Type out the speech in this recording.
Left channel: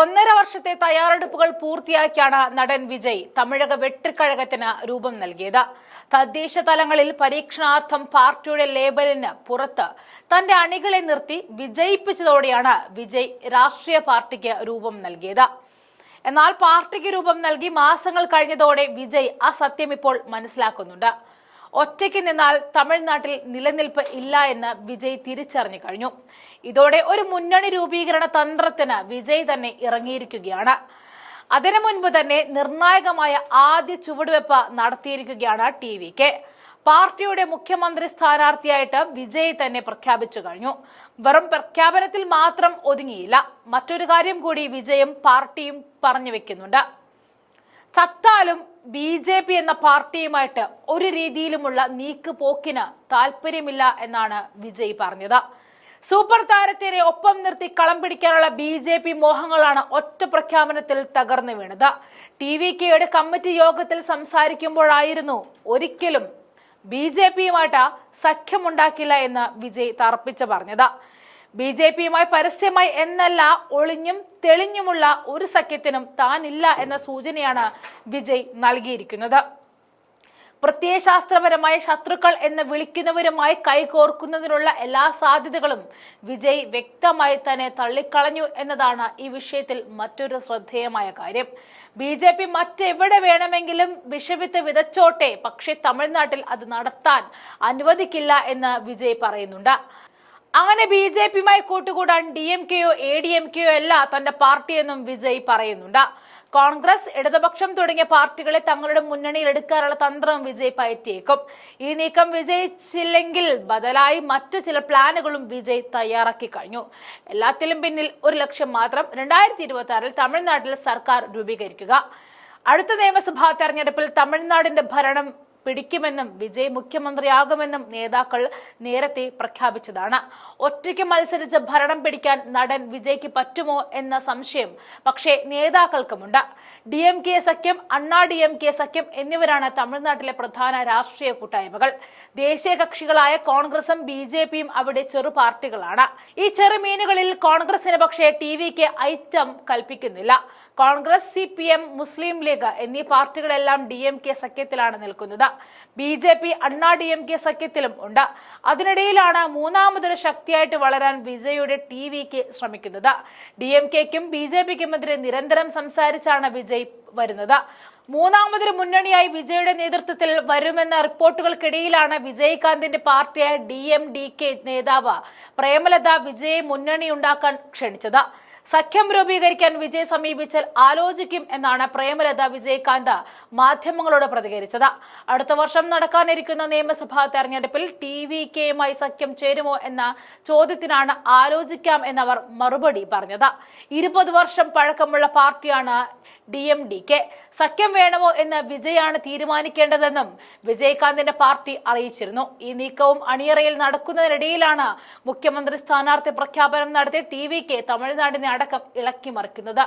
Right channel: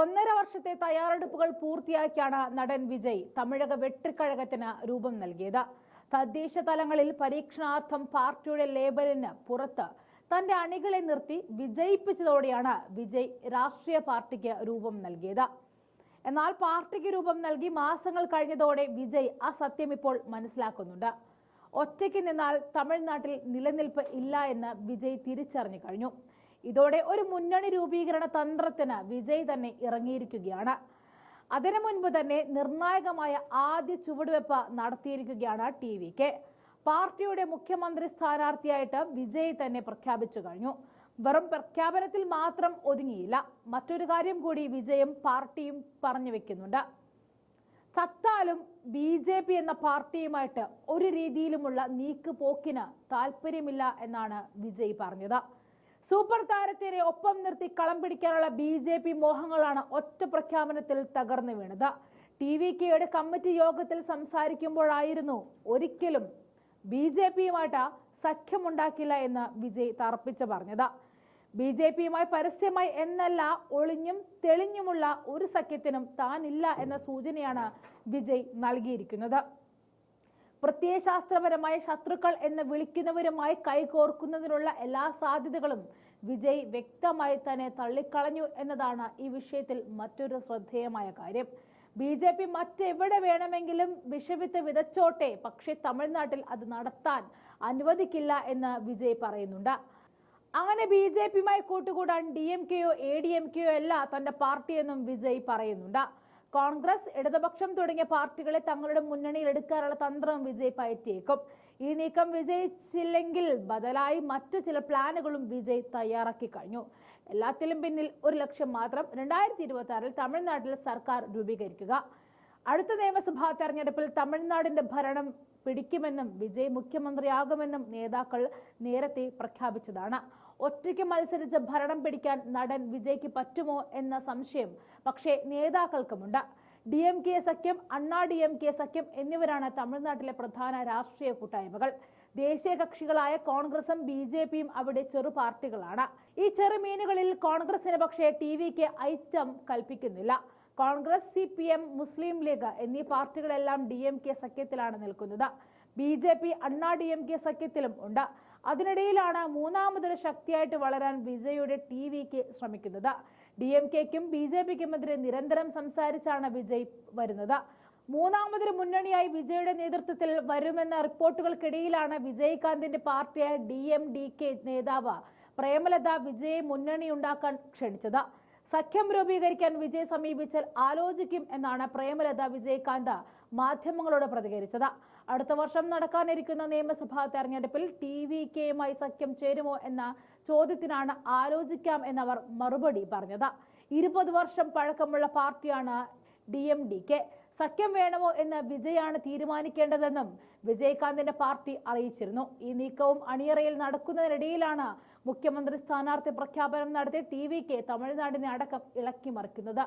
ഒന്നര വർഷത്തെ തയ്യാറെടുപ്പുകൾ പൂർത്തിയാക്കിയാണ് നടൻ വിജയ് തമിഴക വെട്ടിക്കഴകത്തിന് രൂപം നൽകിയത്. തദ്ദേശ തലങ്ങളിൽ പരീക്ഷണാർത്ഥം പാർട്ടിയുടെ ലേബലിന് പുറത്ത് തന്റെ അണികളെ നിർത്തി വിജയിപ്പിച്ചതോടെയാണ് വിജയ് രാഷ്ട്രീയ പാർട്ടിക്ക് രൂപം നൽകിയത്. എന്നാൽ പാർട്ടിക്ക് രൂപം നൽകി മാസങ്ങൾ കഴിഞ്ഞതോടെ വിജയ് ആ സത്യം ഇപ്പോൾ മനസ്സിലാക്കുന്നുണ്ട്. ഒറ്റയ്ക്ക് നിന്നാൽ തമിഴ്നാട്ടിൽ നിലനിൽപ്പ് ഇല്ല എന്ന് വിജയ് തിരിച്ചറിഞ്ഞു കഴിഞ്ഞു. ഇതോടെ ഒരു മുന്നണി രൂപീകരണ തന്ത്രത്തിന് വിജയ് തന്നെ ഇറങ്ങിയിരിക്കുകയാണ്. അതിനു മുൻപ് തന്നെ നിർണായകമായ ആദ്യ ചുവടുവെപ്പ് നടത്തിയിരിക്കുകയാണ് ടി വി കെ. പാർട്ടിയുടെ മുഖ്യമന്ത്രി സ്ഥാനാർത്ഥിയായിട്ട് വിജയ് തന്നെ പ്രഖ്യാപിച്ചു കഴിഞ്ഞു. വെറും പ്രഖ്യാപനത്തിൽ മാത്രം ഒതുങ്ങിയില്ല. മറ്റൊരു കാര്യം കൂടി വിജയും പാർട്ടിയും പറഞ്ഞു വെക്കുന്നുണ്ട്. ചത്താലും ബി ജെ പി എന്ന പാർട്ടിയുമായിട്ട് ഒരു രീതിയിലുമുള്ള നീക്ക് പോക്കിന് താല്പര്യമില്ല എന്നാണ് വിജയ് പറഞ്ഞത്. സൂപ്പർ താരത്തിനെ ഒപ്പം നിർത്തി കളം പിടിക്കാനുള്ള ബി ജെ പി മോഹങ്ങളാണ് ഒറ്റ പ്രഖ്യാപനത്തിൽ തകർന്നു വീണത്. ടി വി കെയുടെ കമ്മിറ്റി യോഗത്തിൽ സംസാരിക്കുമ്പോഴായിരുന്നു ഒരിക്കലും ബി ജെ പിയുമായിട്ട് സഖ്യമുണ്ടാക്കില്ല എന്ന് വിജയ് തറപ്പിച്ച് പറഞ്ഞത്. ബി ജെ പിയുമായി പരസ്യമായി എന്നല്ല ഒളിഞ്ഞും തെളിഞ്ഞുമുള്ള ഒരു സഖ്യത്തിനും താനില്ല എന്ന സൂചനയാണ് വിജയ് നൽകിയിരിക്കുന്നത്. പ്രത്യയശാസ്ത്രപരമായ ശത്രുക്കൾ എന്ന് വിളിക്കുന്നവരുമായി കൈകോർക്കുന്നതിനുള്ള എല്ലാ സാധ്യതകളും വിജയ് വ്യക്തമായി തന്നെ തള്ളിക്കളഞ്ഞു എന്നതാണ് ഈ വിഷയത്തിൽ മറ്റൊരു ശ്രദ്ധേയമായ കാര്യം. ബി ജെ പി മറ്റെവിടെ വേണമെങ്കിലും വിഷവിത്ത് വിതച്ചോട്ടെ പക്ഷേ തമിഴ്നാട്ടിൽ അത് നടത്താൻ അനുവദിക്കില്ല എന്ന് വിജയ് പറയുന്നുണ്ട്. അങ്ങനെ ബി ജെ പിയുമായി കൂട്ടുകൂടാൻ ഡി എം കെയോ എ ഡി എം കെയോ അല്ല തന്റെ പാർട്ടിയെന്നും വിജയ് പറയുന്നുണ്ട്. കോൺഗ്രസ് ഇടതുപക്ഷം തുടങ്ങിയ പാർട്ടികളെ തങ്ങളുടെ മുന്നണിയിൽ എടുക്കാനുള്ള തന്ത്രം വിജയ് പയറ്റിയേക്കും. ഈ നീക്കം വിജയിച്ചില്ലെങ്കിൽ ബദലായി മറ്റു ചില പ്ലാനുകളും വിജയ് തയ്യാറാക്കി കഴിഞ്ഞു. എല്ലാത്തിലും പിന്നിൽ ഒരു ലക്ഷ്യം മാത്രം രണ്ടായിരത്തി ഇരുപത്തി ആറിൽ തമിഴ്നാട്ടിൽ സർക്കാർ രൂപീകരിക്കുക. അടുത്ത നിയമസഭാ തെരഞ്ഞെടുപ്പിൽ തമിഴ്നാടിന്റെ ഭരണം പിടിക്കുമെന്നും വിജയ് മുഖ്യമന്ത്രിയാകുമെന്നും നേതാക്കൾ നേരത്തെ പ്രഖ്യാപിച്ചതാണ്. ഒറ്റയ്ക്ക് മത്സരിച്ച് ഭരണം പിടിക്കാൻ നടൻ വിജയ്ക്ക് പറ്റുമോ എന്ന സംശയം പക്ഷേ നേതാക്കൾക്കുമുണ്ട്. ഡി എം കെ സഖ്യം അണ്ണാ ഡി എം കെ സഖ്യം എന്നിവരാണ് തമിഴ്നാട്ടിലെ പ്രധാന രാഷ്ട്രീയ കൂട്ടായ്മകൾ. ദേശീയ കക്ഷികളായ കോൺഗ്രസും ബി ജെ പിയും അവിടെ ചെറു പാർട്ടികളാണ്. ഈ ചെറുമീനുകളിൽ കോൺഗ്രസിന് പക്ഷേ ടി വിക്ക് item കൽപ്പിക്കുന്നില്ല. Congress C P M Muslim League എന്നീ പാർട്ടികളെല്ലാം ഡി എം കെ സഖ്യത്തിലാണ് നിൽക്കുന്നത്. B J P Anna D M K സഖ്യത്തിലും ഉണ്ട്. അതിനിടയിലാണ് മൂന്നാമതൊരു ശക്തിയായിട്ട് വളരാൻ വിജയുടെ ടി വിക്ക് ശ്രമിക്കുന്നത്. ഡി എം കെക്കും ബി ജെ പിക്കുമെതിരെ നിരന്തരം സംസാരിച്ചാണ് വിജയ് വരുന്നത്. മൂന്നാമതൊരു മുന്നണിയായി വിജയുടെ നേതൃത്വത്തിൽ വരുമെന്ന റിപ്പോർട്ടുകൾക്കിടയിലാണ് വിജയകാന്തിന്റെ പാർട്ടിയായ ഡി എം ഡി കെ നേതാവ് പ്രേമലത വിജയെ മുന്നണി ഉണ്ടാക്കാൻ ക്ഷണിച്ചത്. സഖ്യം രൂപീകരിക്കാൻ വിജയ് സമീപിച്ചാൽ ആലോചിക്കും എന്നാണ് പ്രേമലത വിജയകാന്ത് മാധ്യമങ്ങളോട് പ്രതികരിച്ചത്. അടുത്ത വർഷം നടക്കാനിരിക്കുന്ന നിയമസഭാ തെരഞ്ഞെടുപ്പിൽ ടി വി കെയുമായി സഖ്യം ചേരുമോ എന്ന ചോദ്യത്തിനാണ് ആലോചിക്കാം എന്നവർ മറുപടി പറഞ്ഞത്. ഇരുപത് വർഷം പഴക്കമുള്ള പാർട്ടിയാണ് ഡി എം ഡി കെ. സഖ്യം വേണമോ എന്ന് വിജയാണ് തീരുമാനിക്കേണ്ടതെന്നും വിജയകാന്തിന്റെ പാർട്ടി അറിയിച്ചിരുന്നു. ഈ നീക്കവും അണിയറയിൽ നടക്കുന്നതിനിടയിലാണ് മുഖ്യമന്ത്രി സ്ഥാനാർത്ഥി പ്രഖ്യാപനം നടത്തി ടി വി കെ തമിഴ്നാടിനെ അടക്കം ഇളക്കി മറിക്കുന്നത്.